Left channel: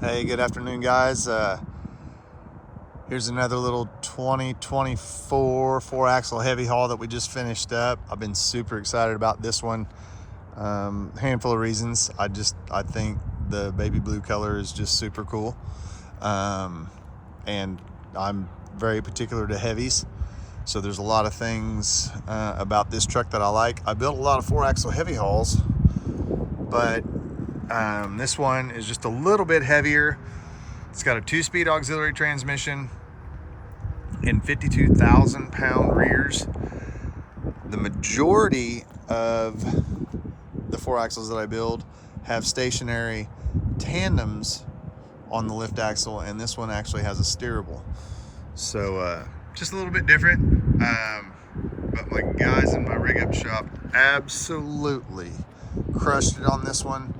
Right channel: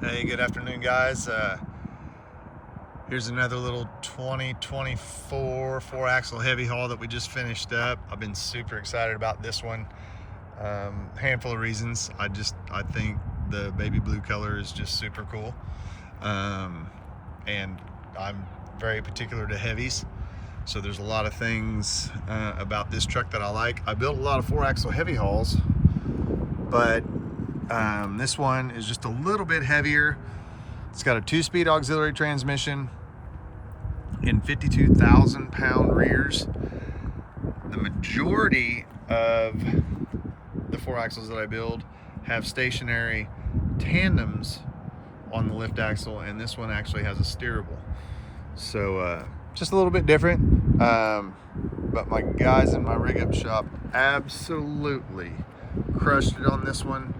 Hey, good afternoon, guys. Here's another little 2024 4-axle heavy haul that we just finished up. I've been super excited about this one. Handful of reasons. I think the baby blue color is just super cool. And I'm very particular to heavies. So there's a lot of things about this truck that I like. I built a lot of 4-axle heavy hauls, but this one is just a little bit heavier. It's got a 2-speed auxiliary transmission and 52,000 pound rears. The majority of the 4-axles that I build have stationary tandems on the lift axle, and this one actually has a steerable. So just a little bit different. But my guys in my rig up shop absolutely crushed it on this one.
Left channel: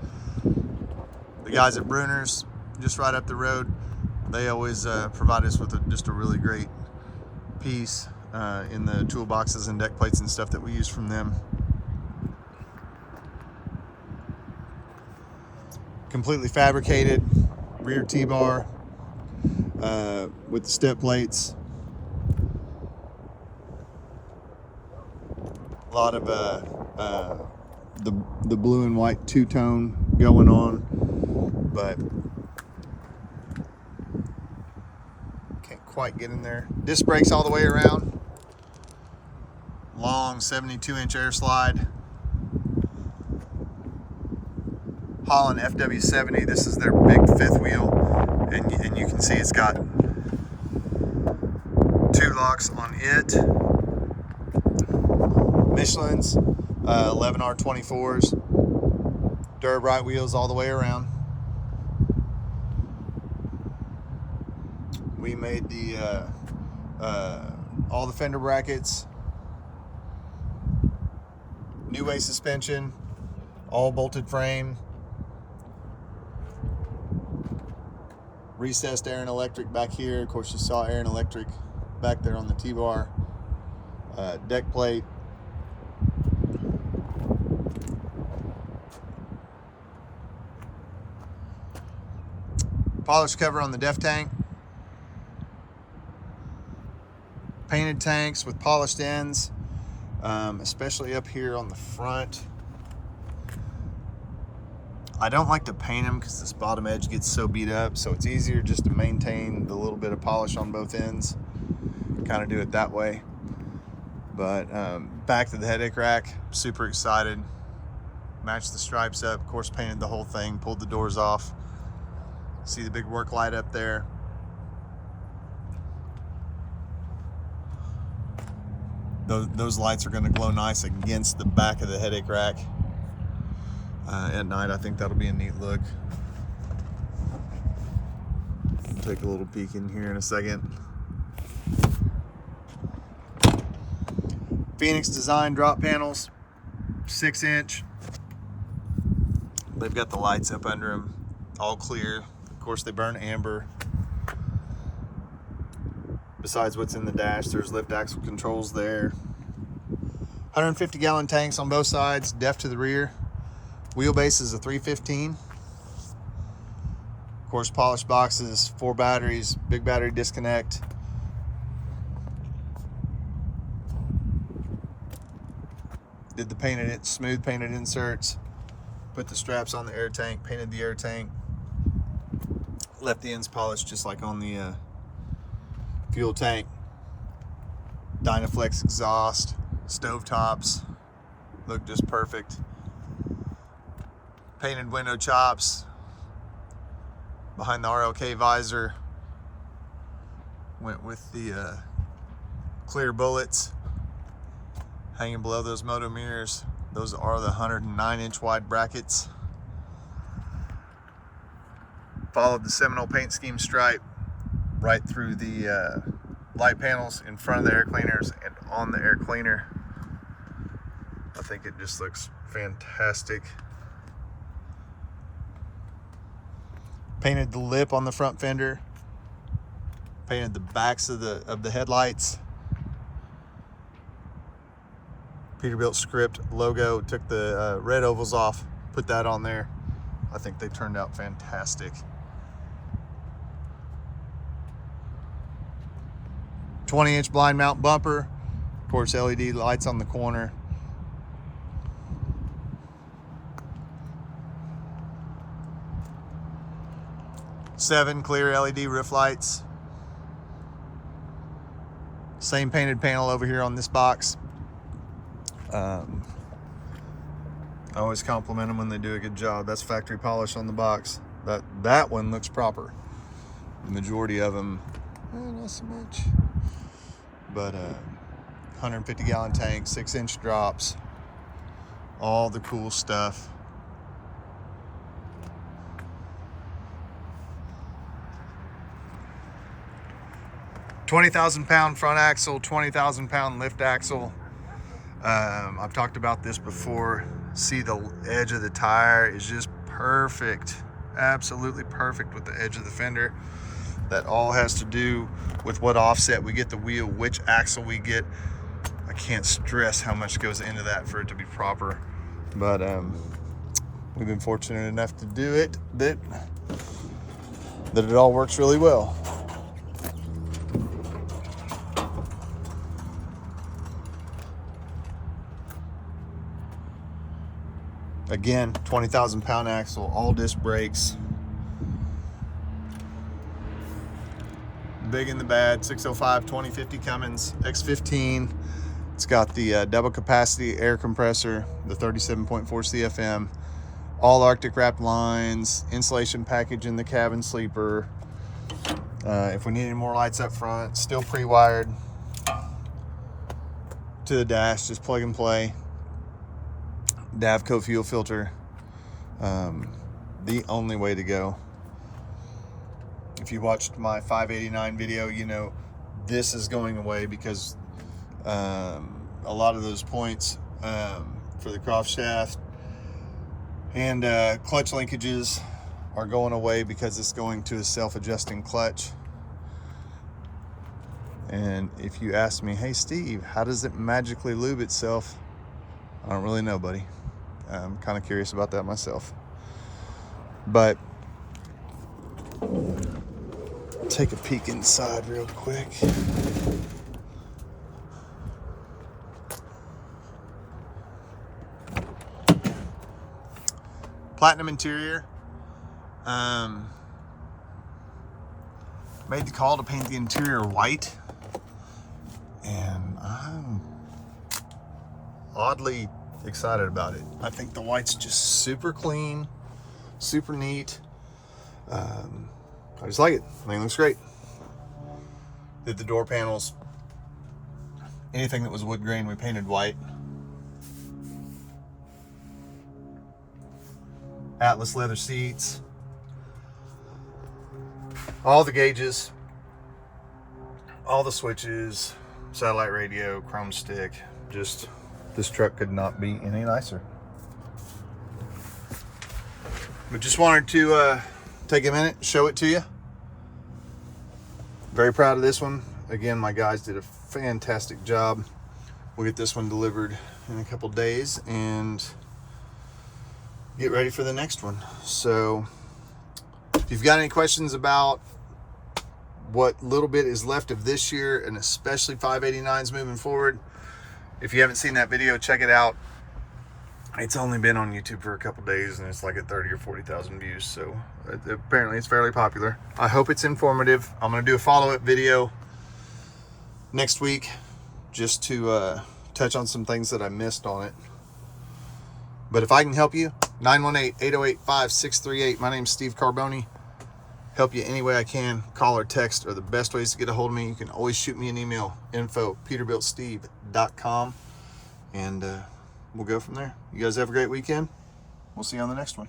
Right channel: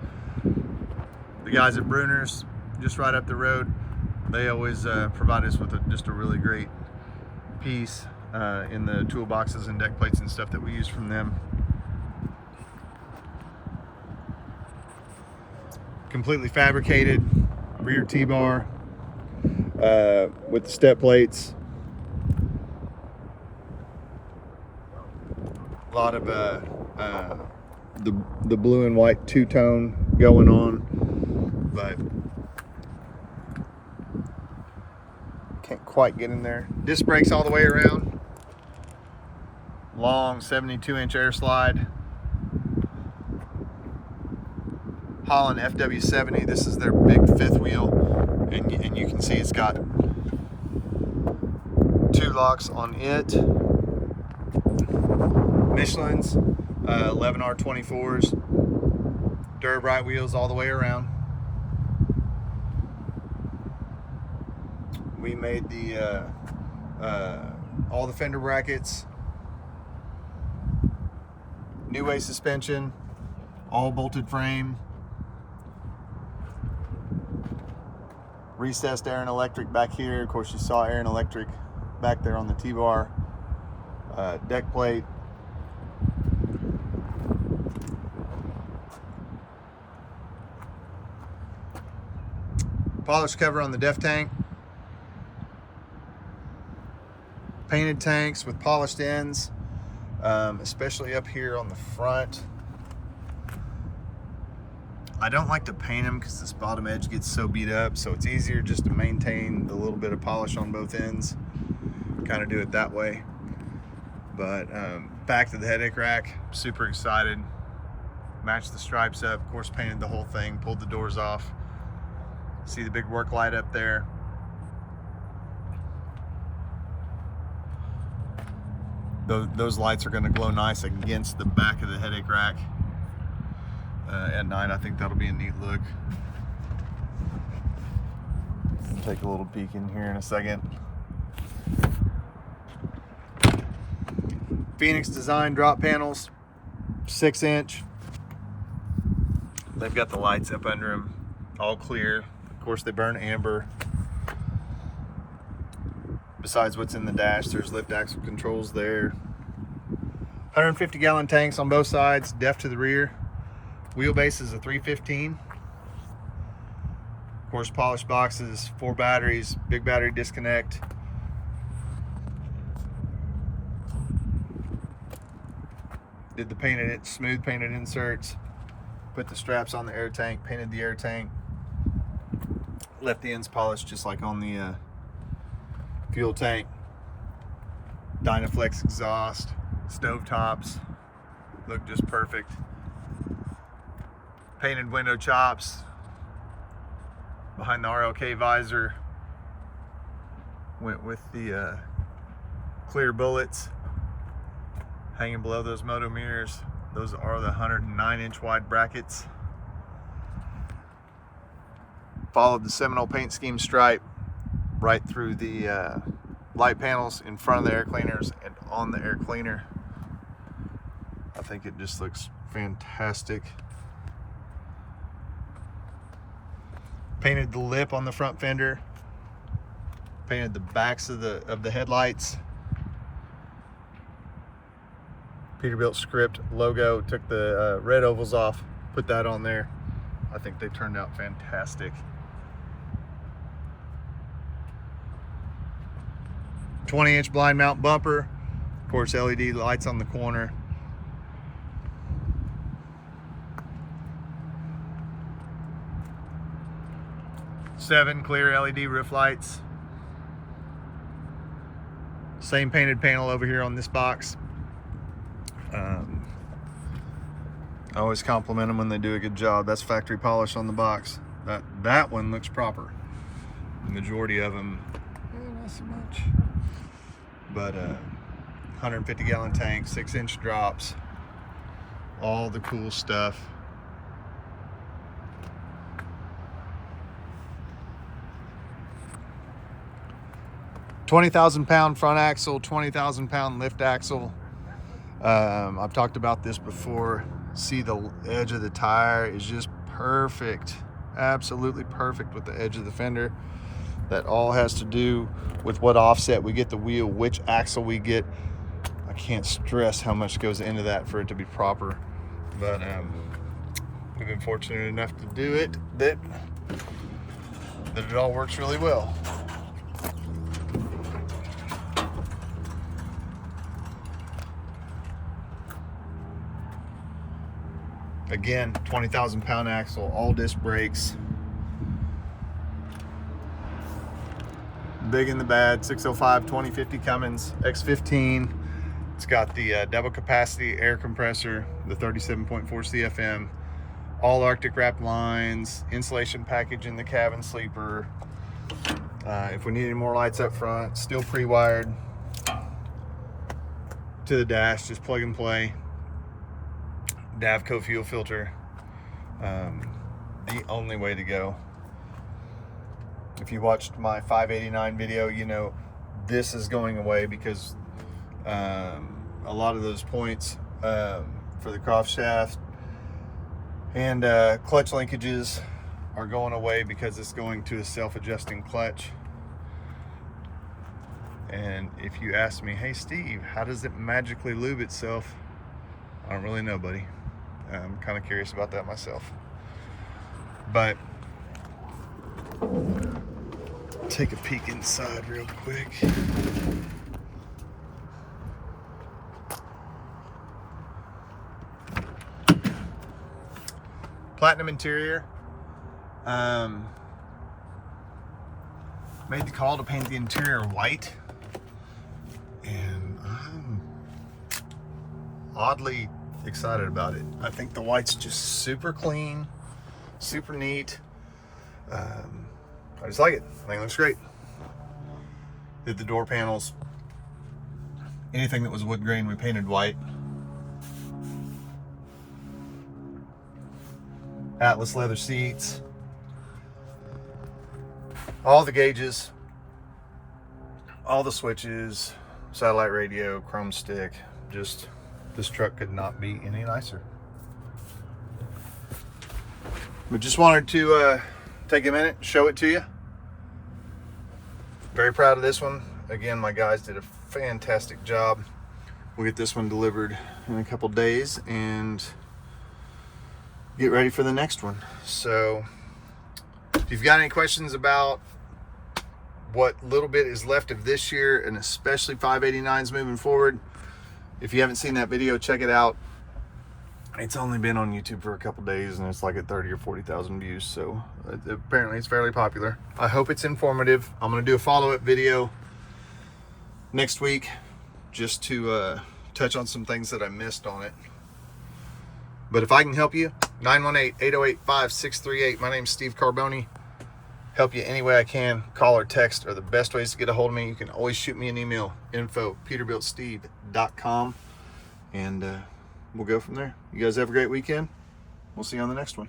The guys at Bruner's, just right up the road, they always provide us with just a really great piece in the toolboxes and deck plates and stuff that we use from them. Completely fabricated rear T-bar with the step plates. A lot of the blue and white two-tone going on, but can't quite get in there. Disc brakes all the way around. Long 72-inch air slide. Holland FW70. This is their big fifth wheel, and you can see it's got 2 locks on it. Michelin's 11R24s. Durbright wheels all the way around. We made the all the fender brackets, new way suspension, all bolted frame, recessed air and electric back here. Of course, you saw air and electric back there on the T-bar. Deck plate. Polish cover on the def tank. Painted tanks with polished ends, especially up here on the front. I don't like to paint them because this bottom edge gets so beat up, so it's easier just to maintain the little bit of polish on both ends. Kind of do it that way. But back to the headache rack, super excited. Matched the stripes up, of course painted the whole thing, pulled the doors off. See the big work light up there. Those lights are going to glow nice against the back of the headache rack at night. I think that'll be a neat look. Take a little peek in here in a second. Phoenix Design drop panels, 6-inch. They've got the lights up under them, all clear. Of course, they burn amber. Besides what's in the dash, there's lift axle controls there. 150-gallon tanks on both sides, def to the rear. Wheelbase is a 315. Of course, polished boxes, 4 batteries, big battery disconnect. Did the smooth painted inserts. Put the straps on the air tank, painted the air tank. Left the ends polished just like on the fuel tank. Dynaflex exhaust, stove tops, look just perfect. Painted window chops behind the RLK visor. Went with the clear bullets hanging below those moto mirrors. Those are the 109-inch wide brackets. Followed the Seminole paint scheme stripe right through the light panels in front of the air cleaners and on the air cleaner. I think it just looks fantastic. Painted the lip on the front fender. Painted the backs of the headlights. Peterbilt script logo. Took the red ovals off, put that on there. I think they turned out fantastic. 20-inch blind mount bumper. Of course, LED lights on the corner. Seven clear LED roof lights. Same painted panel over here on this box. I always compliment them when they do a good job. That's factory polish on the box. That one looks proper. The majority of them, not so much. But 150-gallon tank, 6-inch drops, all the cool stuff. $20,000-pound front axle, 20,000-pound lift axle. I've talked about this before. See, the edge of the tire is just perfect, absolutely perfect with the edge of the fender. That all has to do with what offset we get the wheel, which axle we get. I can't stress how much goes into that for it to be proper, but we've been fortunate enough to do it that it all works really well. Again, 20,000-pound axle, all disc brakes. Big in the bad, 605 2050 Cummins X15. It's got the double capacity air compressor, the 37.4 CFM, all Arctic wrapped lines, insulation package in the cabin sleeper. If we need any more lights up front, still pre-wired to the dash, just plug and play. Davco fuel filter, the only way to go. If you watched my 589 video, you know this is going away because a lot of those points for the cross shaft and clutch linkages are going away because it's going to a self-adjusting clutch. And if you ask me, hey Steve, how does it magically lube itself? I don't really know, buddy. I'm kind of curious about that myself. But take a peek inside real quick. Platinum interior. Made the call to paint the interior white, and I'm oddly excited about it. I think the white's just super clean, super neat. I just like it. I think it looks great. Did the door panels, anything that was wood grain, we painted white. Atlas leather seats, all the gauges, all the switches, satellite radio, chrome stick. Just, this truck could not be any nicer. But just wanted to take a minute, show it to you. Very proud of this one. Again, my guys did a fantastic job. We'll get this one delivered in a couple days and get ready for the next one. So if you've got any questions about what little bit is left of this year, and especially 589s moving forward, if you haven't seen that video, check it out. It's only been on YouTube for a couple days and it's like at 30 or 40,000 views. So apparently it's fairly popular. I hope it's informative. I'm going to do a follow-up video next week just to touch on some things that I missed on it. But if I can help you, 918-808-5638. My name's Steve Carboni. Help you any way I can. Call or text are the best ways to get a hold of me. You can always shoot me an email, info@peterbiltsteve.com, and we'll go from there. You guys have a great weekend. We'll see you on the next one.